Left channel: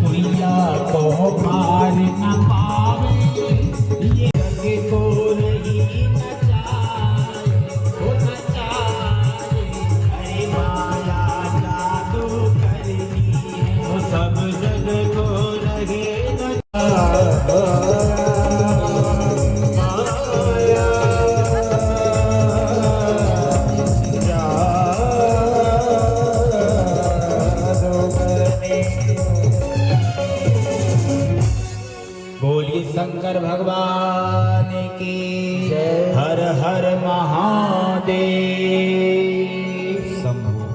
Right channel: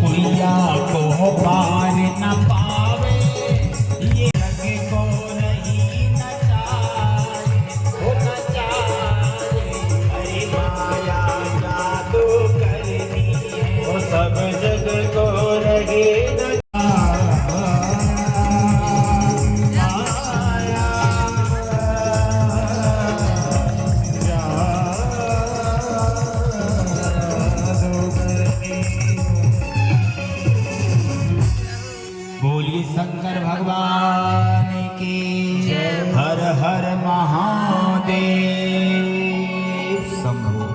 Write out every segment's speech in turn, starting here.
कुइया को पार न पावे, ये जग को रही न जाए, हो न जाए। अरे माया जादू करनी है, वो सब जग को रहे न बोली शंकर भगवान की हर हर महादेव शंभु।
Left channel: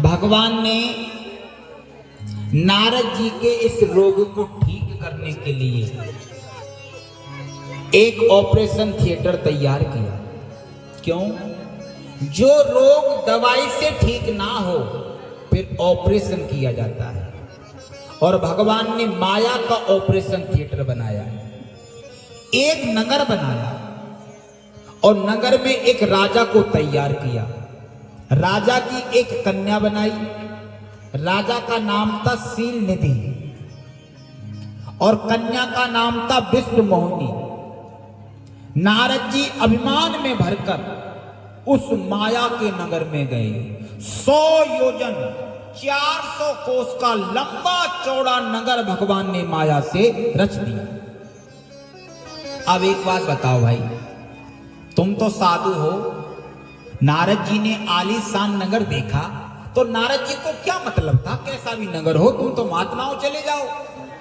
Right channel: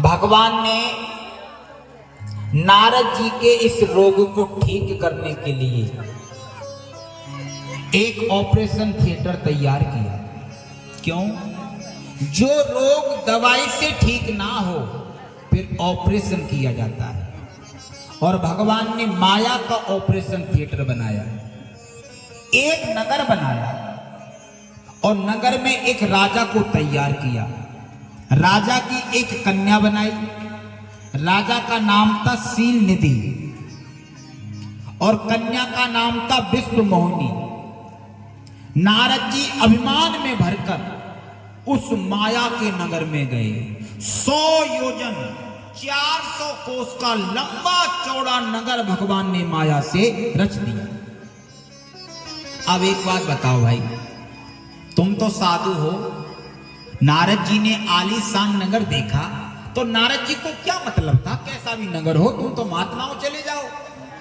भगवान ने नारद जी के इस रोग को ठीक करने के लिए एक ऑपरेशन थिएटर तैयार किया। क्यों? जो रोग दवाई से ठीक ना हो फिर ऑपरेशन किया जाता है, और भगवान ने माया का ऑपरेशन थिएटर बनाया। एक नगर बनाया और नगर में एक राजा को तैयार किया। राजा की एक कन्या बनाई। राजा का नाम था शील निधि और कन्या का नाम था विश्व मोहिनी। नारद जी अभिमान में भरकर उस माया के नगर में गए। 100 योजन 400 कोस का लंबा चौड़ा नगर भगवान ने माया से रच दिया। अब एक बात बताओ भाई, तुम तो साधु हो, नारद जी ने आलीशान नगर देखा तो नारद जी को क्या मतलब था? कैसा भी नगर हो, तुम तो महात्मा हो, चले जाओ।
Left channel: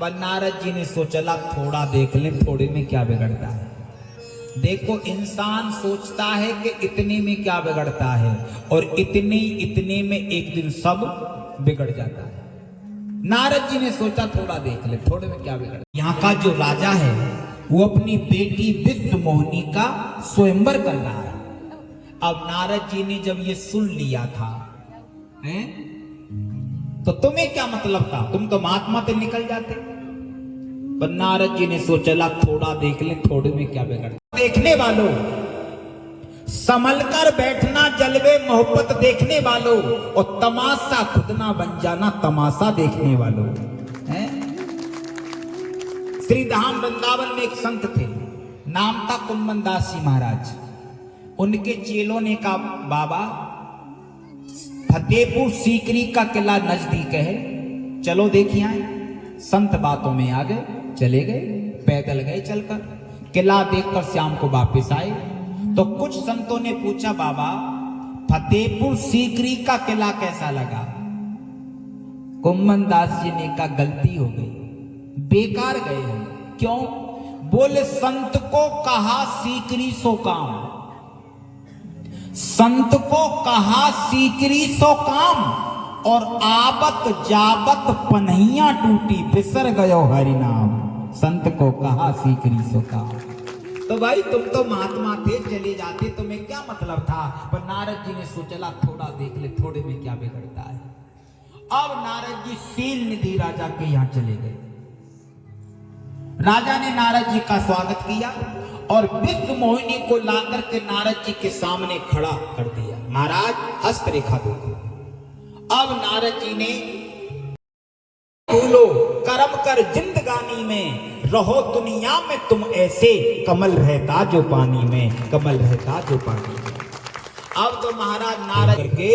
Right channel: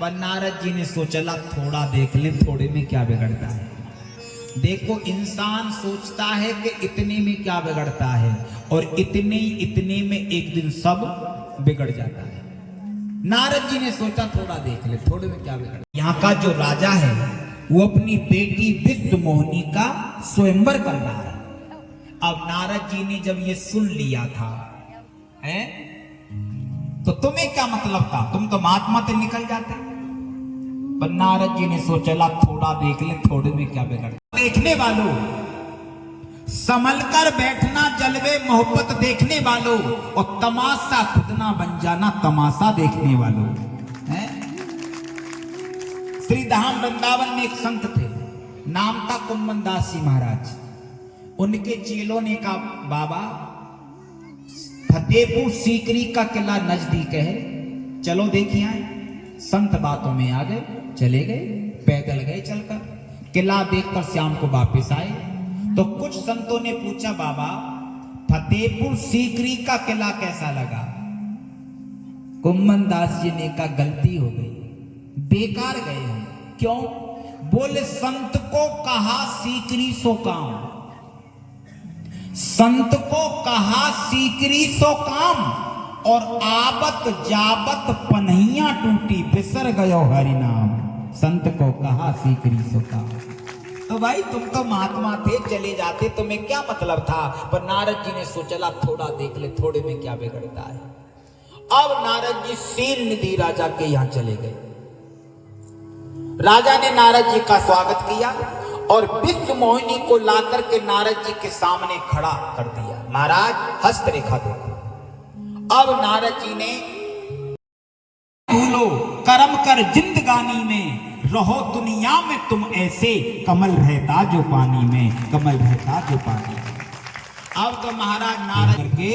पर नारद जी ने सोचा थोड़ा देख ले, थोड़े में क्या बिगड़ता है। देखो, इंसान सोचता है कि इतने में क्या बिगड़ता है, और इतने में एक दिन सब बिगड़ जाता है। नारद जी ने सोचा थोड़ा देख ले, थोड़े में क्या बिगड़। यहाँ का जो राजा है वो अपनी बेटी विश्व मोहिनी का स्वयंवर कर रहा है। अब नारद जी ने जब ये सुन लिया था, हैं, तो तुम्हें क्या मतलब था? तुम तो महात्मा से निकल जाते। पर नारद जी ने सोचा थोड़ा देख ले, थोड़े में क्या बिगड़। देखने वालों, संभल कर बैठना जलवे मोहब्बत देखने वालों, और तमाशा खुद ना बन जाना तमाशा देखने वालों। हैं? श्री धाम वृंदावन में एक संत थे, नाम था कुम्मन दास जी महाराज। उनके चेलों ने कहा, बाबा फतेहपुर सीकरी का किला नजदीक है, चलो देखिए आए। संत बातों में आ गए, चले गए, पैदल गए चलकर। किला देखकर शाम को वापस आए तो कुछ संतों ने पूछा, बाबा फतेहपुर सीकरी का किला कैसा लगा? कुम्मन दास जी ने कहा, गलती हो गई, बेकार गए हम। क्यों? बोले संत को कहा सीकरी सो काम, संत को कहा सीकरी सो काम, और आबत जाबत पन्हिया टूटी, फिसर गयो हरि नाम। संत को कहा सीकरी सो काम। तो भाई तुम तो महात्मा थे, चले जाते, तुम्हें क्या मतलब था? पर नारद जी ने सोचा थोड़ा देख ले, थोड़े में क्या बिगड़ता है। अब नारद जी शील निधि राजा के यहां चले गए। राजा ने नारद जी का स्वागत किया और विश्व मोहिनी को लाकर के नारद जी के सामने खड़ा कर दिया। महाराज हस्तरेखा देखो। अब नारद जी ने, भूलो कर्म कर जिंदगानी में, रहो दुनिया में तुम ऐसे, कमल रहता जो पानी में, कमल रहता जो पानी में। अब तो महाराज नारद के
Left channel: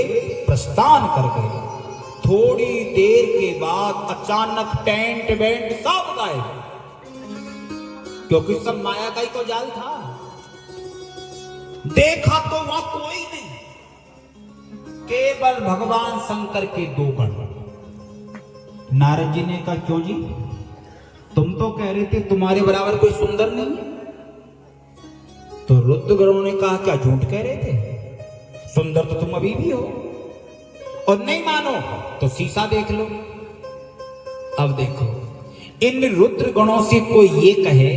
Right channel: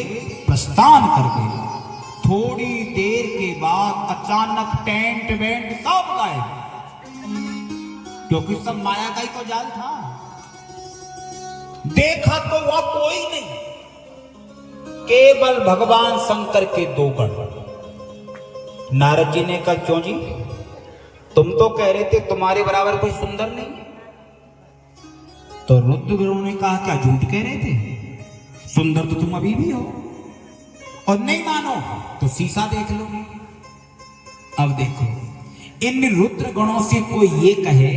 प्रस्थान कर गए। थोड़ी देर के बाद अचानक टेंट वेंट सब गायब, क्योंकि सब माया का ही तो जाल था। देखा तो वह कोई नहीं, केवल भगवान शंकर के 2 गण। नारद जी ने कहा, क्यों जी, तुम तो कह रहे थे तुम्हारे बराबर कोई सुंदर नहीं है। तो रुद्रगणों ने कहा, क्या झूठ कह रहे थे? सुंदर तो तुम अभी भी हो, और नहीं मानो तो शीशा देख लो। अब देखो, इन रुद्र गणों से कोई ये कहे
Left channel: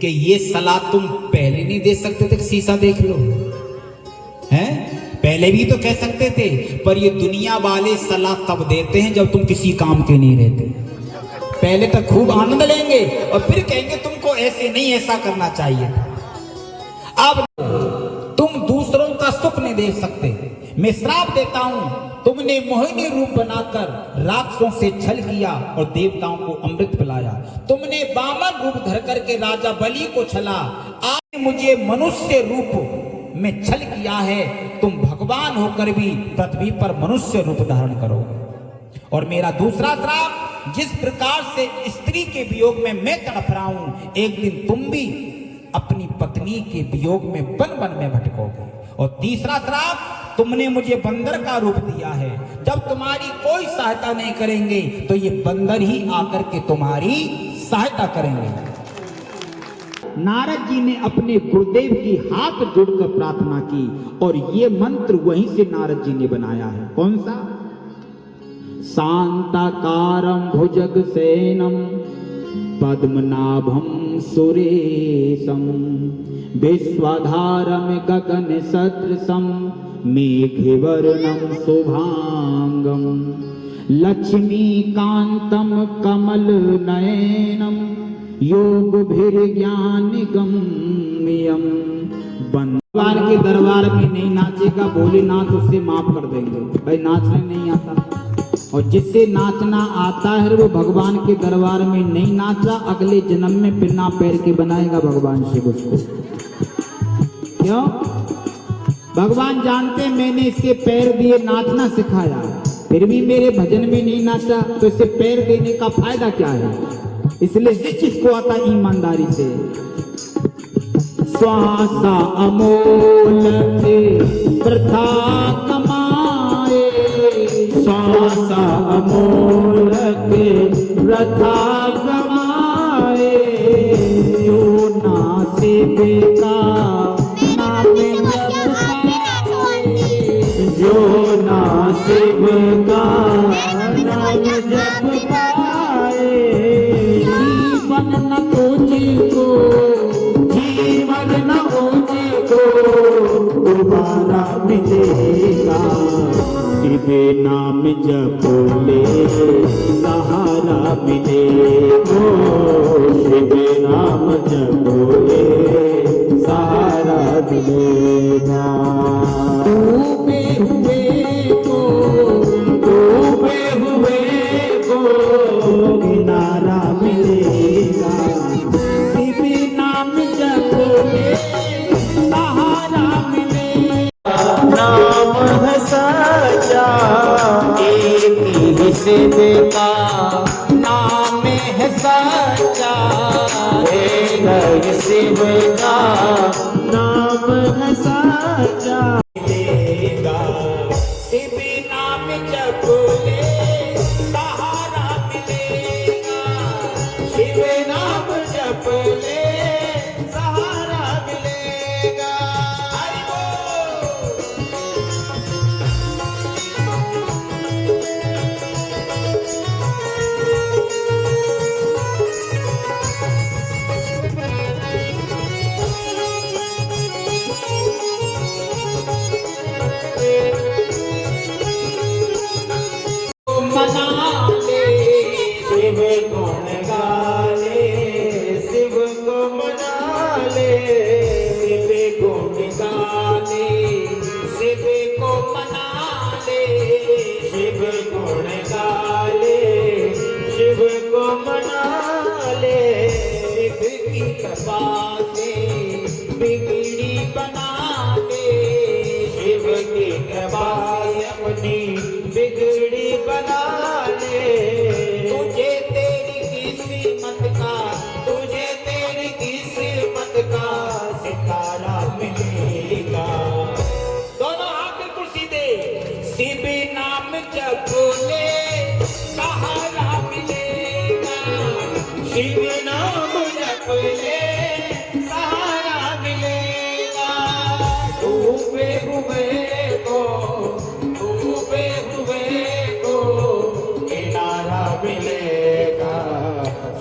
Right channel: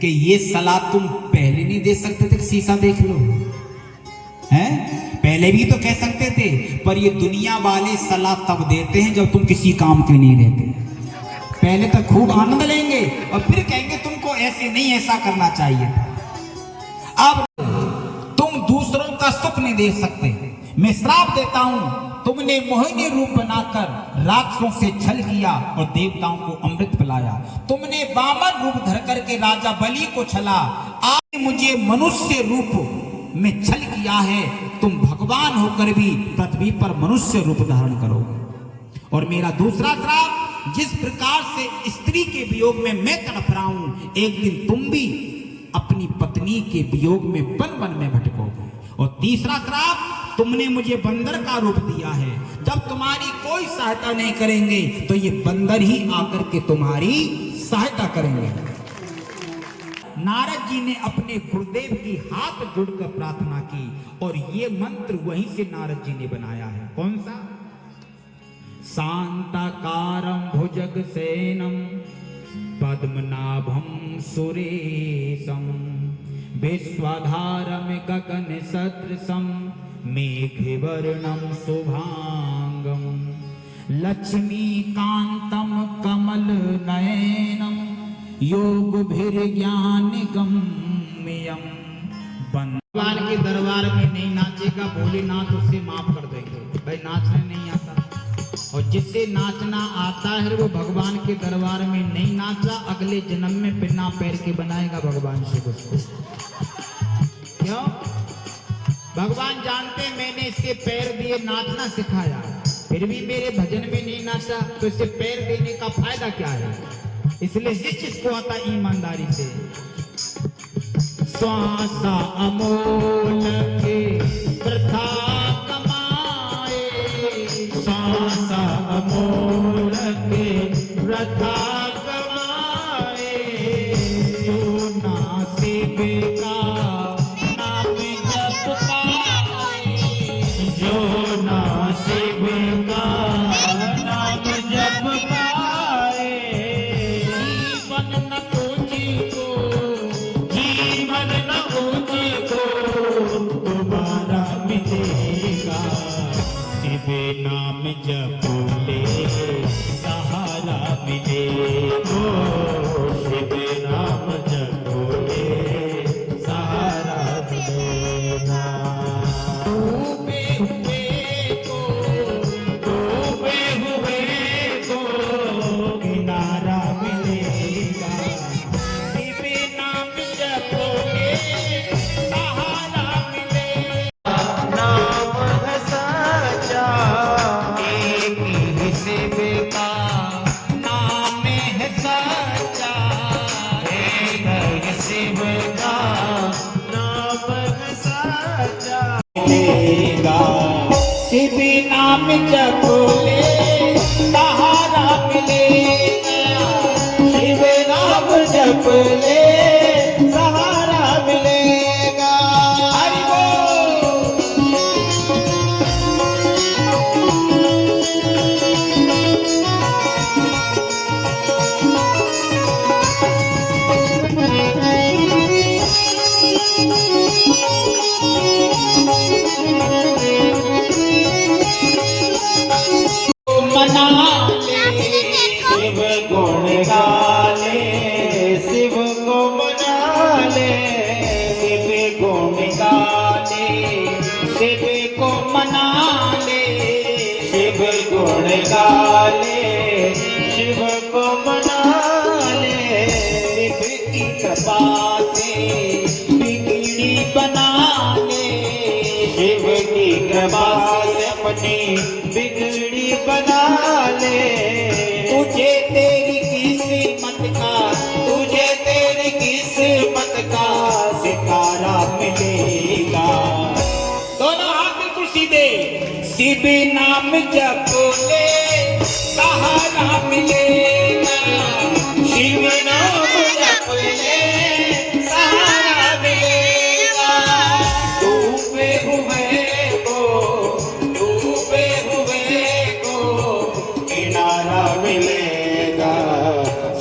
कि ये सलाह तुम पहले नहीं दे सकते थे, शीशा देख लो, हैं? पहले भी तो कह सकते थे, पर ये दुनिया वाले सलाह तब देते हैं जब तुम किसी काम के नहीं रहते। पहले तक खूब आनंद लेंगे और फिर कहेंगे तुमको ऐसे नहीं, ऐसा करना चाहिए था। अब तुम दूसरों का सुख नहीं देख सकते, मैं श्राप देता हूं, तुमने मोहिनी रूप बनाकर राक्षसों से छल किया और देवताओं को अमृत पिलाया। तुमने वामन रूप धर करके राजा बलि को छला, आज मुझे मनुष्य रूप में छल किया है। तुम भगवान होकर भी पृथ्वी पर मनुष्य रूप धारण करोगे। और मेरा दूसरा श्राप, जिस प्रकार से स्त्री के वियोग में मैं तड़प रहा हूं, एक दिन तुम भी अपनी पत्नी के वियोग में वन वन में भटकोगे। और तीसरा श्राप, तुमने मुझे बंदर का रूप दिया है। जब तुम्हारी कोई सहायता नहीं करेंगे तो ये बंदर ही आकर के तुम्हारी सहायता करेंगे। नारद जी ने अपने गुरुदेव की हाथ जोड़कर प्रार्थना की और ये मंत्र वहीं से नारद जी ने बनाया है। कौन सा? शांताकारं भुजगसेनं पद्मनाभं सुरेशं विश्वाधारं गगनसदृशं मेघवर्णं शुभांगं लक्ष्मीकान्तं कमलनयनं योगभिर्ज्ञानगम्यं। भगवान के दरबार में नहीं नाचेगा, भोलेनाथ उससे माफ कर देंगे। भाई नाचने नहीं आता, और जिससे नाचना आता है वो भगवान के दरबार में नहीं नाचा, अगले जन्म में बिना पैर के बनाएगा भगवान शिव उसको। क्यों? भगवान जानते मैंने इसके पैर दिए, नाचना सिखाया, फिर भी मेरे भजन में नहीं नाचा, तो इससे पैर देने का फायदा क्या है? इसलिए जिस चीज को आता ईमानदारी से। श्वासा अमोल के प्रथा कमाए, श्वासा अमोल के प्रथा कमाए, नासिब का नाम जप पाए, जो नासिब का नाम जप पाए, जीवन न ऊंची को, जीवन न ऊंची को दोबारा मिलेगा। शिव नाम जप ले सहारा मिले, ओ शिव नाम जप ले सहारा मिलेगा। डूबे हुए को, डूबे हुए को किनारा मिलेगा। शिव नाम जप ले सहारा मिलेगा। नाम है सच्चा, एक ही शिव का नाम है सच्चा, एक ही शिव का नाम है सच्चा। मिलेगा शिव नाम जप ले सहारा मिलेगा, शिव नाम जप ले सहारा मिलेगा। हरि बोल। मना ले शिव गुण गाले, शिव को मना ले, शिव गुण गाले, शिव को मना ले, शिव गुण गाले, शिव को मना ले, शिव की कृपा से बिगड़ी बना ले, शिव की कृपा से अपनी बिगड़ी बना ले। तुझे तेरी किस्मत का, तुझे तेरी किस्मत का सितारा मिलेगा। दोनों हाथ खुशी दे। शिव नाम जप ले सहारा मिलेगा, शिव नाम जप ले सहारा मिलेगा। डूबे हुए को, डूबे हुए को किनारा मिलेगा।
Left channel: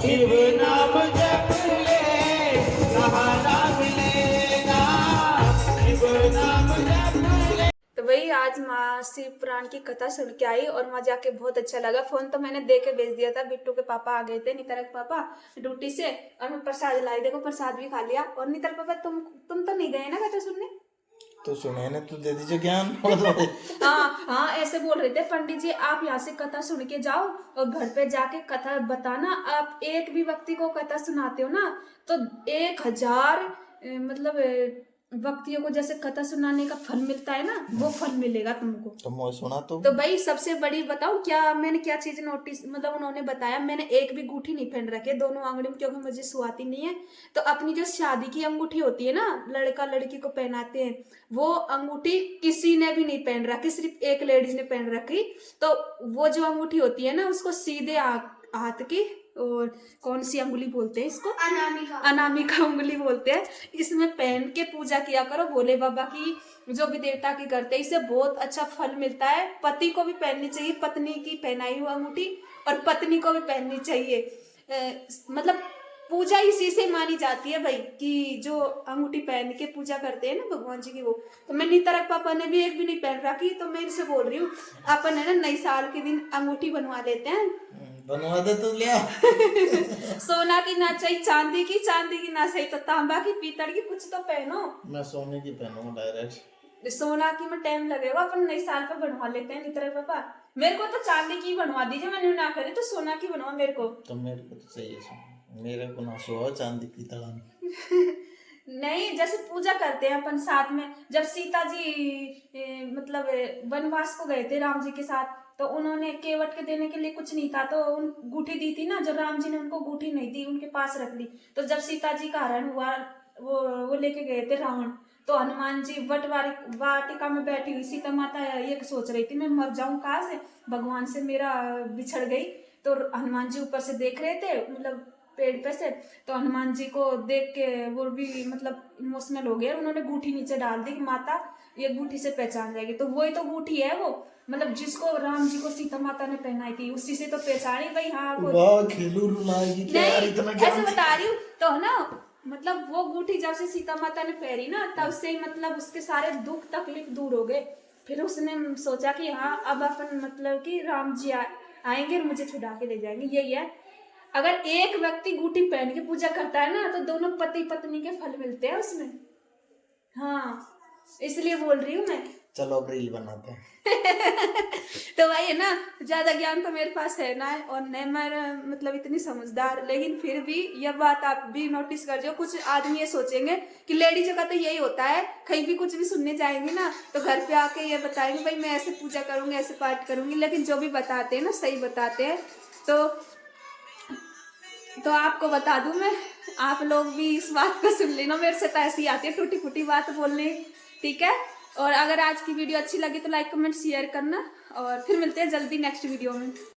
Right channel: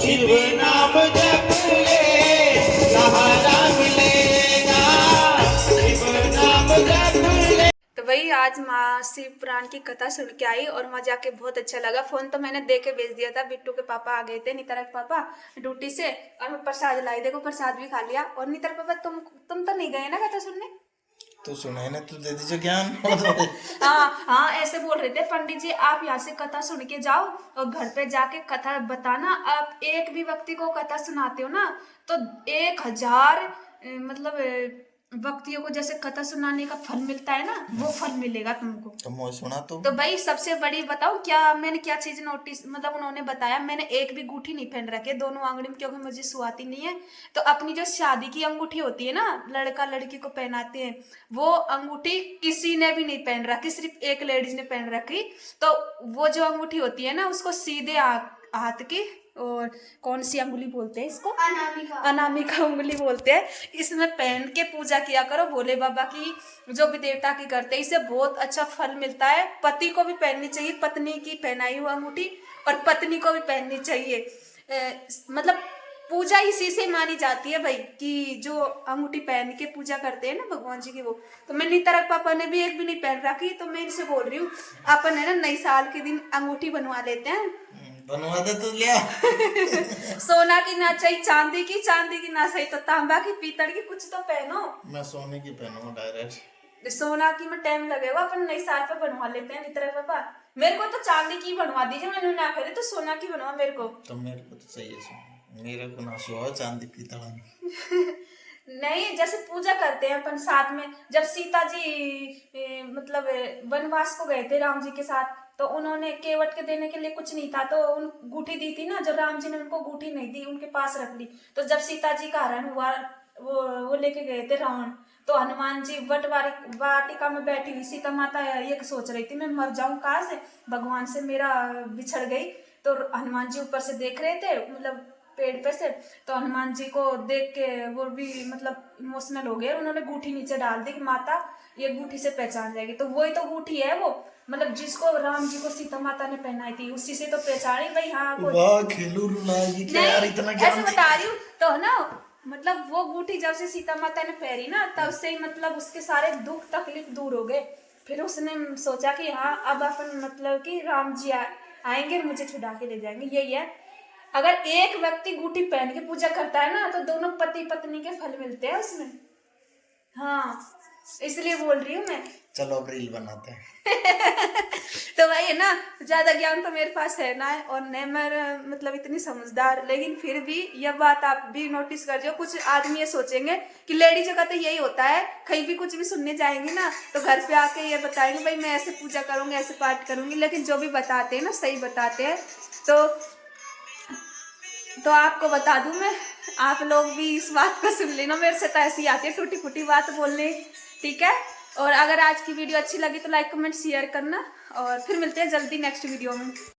शिव नाम जप ले सहारा मिलेगा, शिव नाम जप ले। तो वही आज माँ शिव पुराण की कथा सुन के आई और वहाँ जाके बहुत अच्छा लगा। फोन तो मैंने दे के भेज दिया था, बिट्टू के पापा आ गए थे, नितर के पापा ड्यूटी से, और मैं प्रसाद लाई, देखो प्रसाद भी खा लिया। और नितर पापा तुम तो नहीं गए ना कथा सुनने? तो सुने ने तो दे दीजिए ज्ञान। हाँ हाँ, ऐसे बोल रहे थे पंडित जी, आप यहाँ से कथा सुन के जाओ और घर पे जाके कथा बताना। आप एक भी व्यक्ति को कथा सुनाते हो ना तो 1000 मतलब व्यक्तियों को जैसे कथा सुनाने का फल मिलता है ना, वो फल मिलेगा तुमको। तो मैं सुना तो भाई सबसे बड़ी बताऊं क्या, मैंने क्या चीज नोटिस, मतलब उन्होंने बताया, मैंने एक भी अंगूठी नहीं पहन रखी है दोनों आंगड़ी में, क्योंकि मुझे सुहाती नहीं है। तो अपनी जो शादी की अंगूठी होती है ना, लड़का लड़की को पहनाते हैं, वो अंगूठी किसी ने भी नहीं पहन रखी, सिर्फ एक लेडीज ने पहन रखी। तो वो जो अंगूठी होती है ना, उसको सीधे हाथ की, और कौन सी अंगुली बोलते हैं इसको, अनामिका उंगली बोलते हैं, इसमें पहन के पूजा किया करो भोले बाबा की, जो भी देवता की करते हैं। इससे बहुत अच्छा फल मिलता है। पति को भी पहननी चाहिए, पत्नी की पहनाई हुई अंगूठी, और पत्नी को भी पहननी चाहिए। मतलब पूजा इसी से मानी जाती है भाई, कि जो अंगूठी पहन के पूजा करते हैं ना भगवान जी की, वो। तो मैं नीतारक पापा ने भी एक भी नहीं पहन रखी, तो मैं इनसे बोल रही हूँ अपन है ना नई साल के दिन अंगूठी बनवा लेते हैं। बनवा दे तो लिया। सोना की ना चाहिए, चांदी की ना सही तो तांबा की, पीतल की, कुछ तो पहनो। मैं सोने की पहनूंगा डायरेक्ट। सोना की में टाइम लगेगा, अपन नई साल पे बनवा लेते हैं नीतारक पापा। मेरे को तो चांदी की बनवा दीजिए, मैंने ना करे तो सोना की बनवा मेरे को। तो मेरे को तो चाहिए सोना, मेरे को ना सो चांदी पीतल। नहीं, जैसे पूजा करते हैं अपन साथ में, जब सीता जी मतलब वनवास को गए थे राम जी के साथ, तो उन्होंने केवट के देने के लिए कुछ नहीं था, तो उन गूठी दी थी ना, जो राम जी ने उनको गूठी नहीं दी, उनके पास रख ली। तो जब सीता जी का हरण हुआ, वो लेके गए थे रावण, तो हनुमान जी वाटिका में बैठी हुई सीता माता ये सोच रही थी मैं मर जाऊं कहाँ से, भगवान से मेरा बिछड़ गई। तो हनुमान जी ऊपर से देख रहे थे, मतलब पेड़ पे से, तो हनुमान जी को देख के वो भी मतलब इमोशनल हो गए, उन्होंने गूठी नीचे डाल दी कि माता ये गूठी से पहचान जाएगी। तो वही तो गूठी है वो, मतलब जिसको राम जी को सीता माता ने पहनाई थी, उसी से तो पहचानी भाई। हाँ वाह खेलू रुलाएगी क्या यार, इतना नहीं, ज्ञान ऐसे बता रही हूँ तो है ना, मतलब वो गूठी जब से सीता माता ने पहरी ना, तब से ही मतलब उसके सारे दुख तकलीफ दूर हो गए। फिर उसने सोचा कि हाँ अब अपन मतलब कि राम जी आएंगे और मुझे छुड़ा के ले जाएंगे, यही है। अगर एक व्यक्ति गूठी पहन के पूजा करता है ना, तो दोनों पति पत्नी के फल मिलते हैं उसमें। हाँ, इसलिए बोल रही हूँ मैं। चलो अब रील बनाते हैं। तो भाई है ना, ज्यादा ज्ञान तो मेरे पास है ना, और न मैं मतलब इतनी समझदार, लेकिन फिर भी यह बात आप भी नोटिस कर जो, कुछ आदमी ये सोचेंगे कि लेडीज का तो यही होता है, कहीं भी कुछ भी सुनने जाएंगी ना, तो घर पे आके ये बताएंगे भाई मैं ऐसे पूजा करूंगी, ऐसे पाठ करूंगी, लेकिन जो भी बताते हैं ना सही बताते हैं। तो आपको बता दूं मैं, आप लोग भी इस बात को सुन लेना, मेरे से तो ऐसी आती है टूटी फूटी बात बोलने, ठीक है। और अगर आज की वीडियो अच्छी लगी तो लाइक कमेंट शेयर करना, और फिर मिलते हैं जल्दी नेक्स्ट वीडियो में।